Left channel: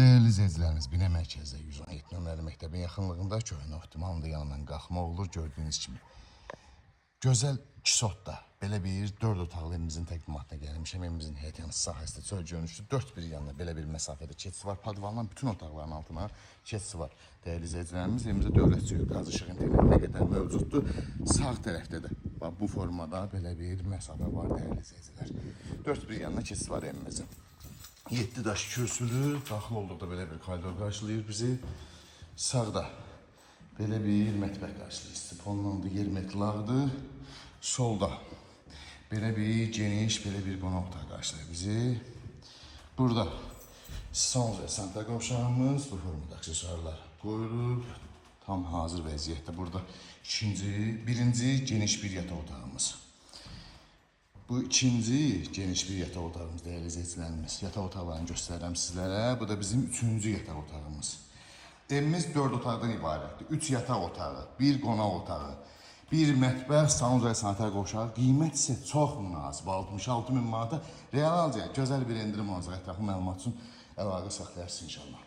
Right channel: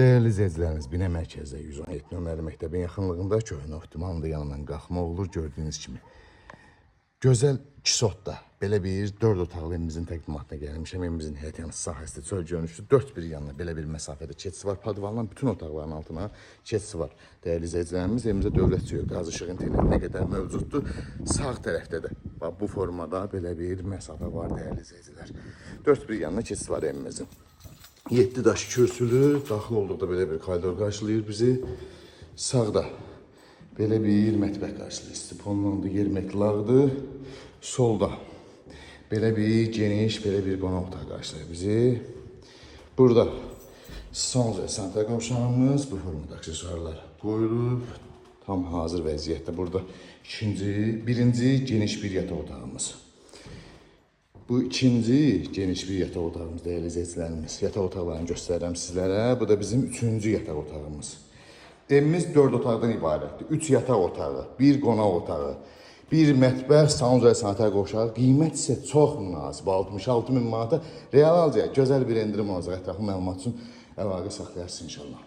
Değerli izləyicilərimiz, Binə mərkəzdə 117 nömrəli məktəbin yaxınlığında köhnə optimalında yanından qalxma olur. Gördüyünüz kimi gözəl kisotda belə bir 4 otaqlı evimizin təqdimatına gəlmişəm. Evimizin həyət sahəsində çöl görünüşlü 4 bir yanına belə bir məsafədə keçisi var. Padvandan bütün otaqların altına keçisi var. Değerli izləyicilərimiz, evimizdə dövlət suyu, qaz işığı interneti nə qədər mövcuddur. Sağ tərəfdə də bu formada belə bir məsafə var değerli izləyicilər. 4 bir yanına keçisi var evimizin. 7 daş kürsülü, daxil olduqda belə bir koridor qarşılayır bizi. Sağda belə bir mətbəx qarşılayır. Stiponlandı, yer metlaqdır. Solda belə bir geniş, belə bir qonaq otağı qarşılayır bizi. Burada son sanitar qovşağımız bu formada aksesuarlar qoyulub. Tam hazır vəziyyətdə. Burada birinci geniş bir yataq otağımız. Bu ikinci geniş bir yataq otağımız değerli izləyicilərimiz. Yataq otaqlarını göstərirəm sizlərə. Bu da bizim üçüncü yataq otağımız. Evimiz 4 otaqdan ibarətdir. 3 yataq otağı, 1 qonaq otağı, 1 mətbəx, salon və sanitar qovşağı. Qiymət isə çox münasib. 66 min manata real alacaq. Gözəl bir endirim olacaq. Ətraflı məlumat üçün əlaqə saxlayarsınız inşallah.